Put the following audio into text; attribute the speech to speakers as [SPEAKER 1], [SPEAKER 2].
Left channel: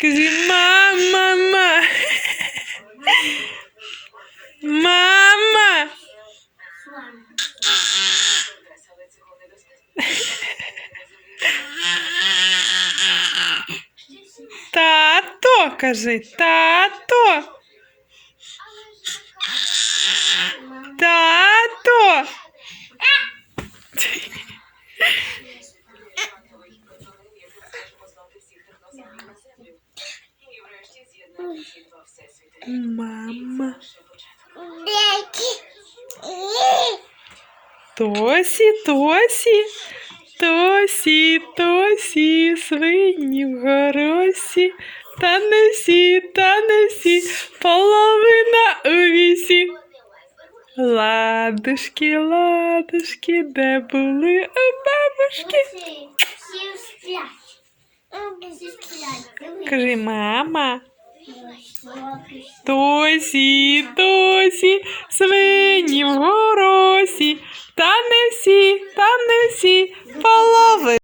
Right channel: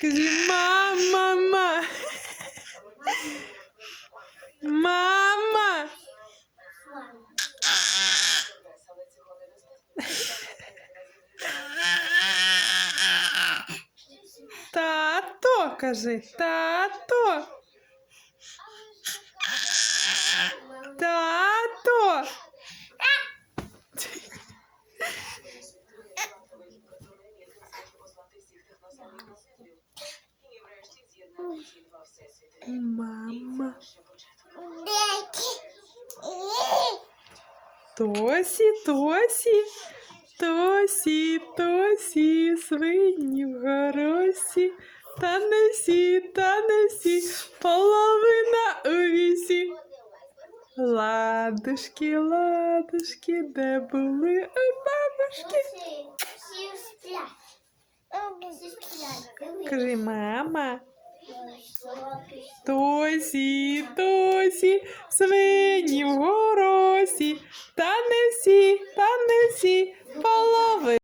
[SPEAKER 1] Кажи мама, мама. Мама. Тато, кажи. Тато. Мама. Тосі, Тосі, Тосі, Тосі, свині в горосі, та не всі, та не всі, половина у вісі. Ладушки, ладушки, де були у бабушки? Кажи, мама. Тосі, Тосі, свині в горосі, та не всі, та не всі,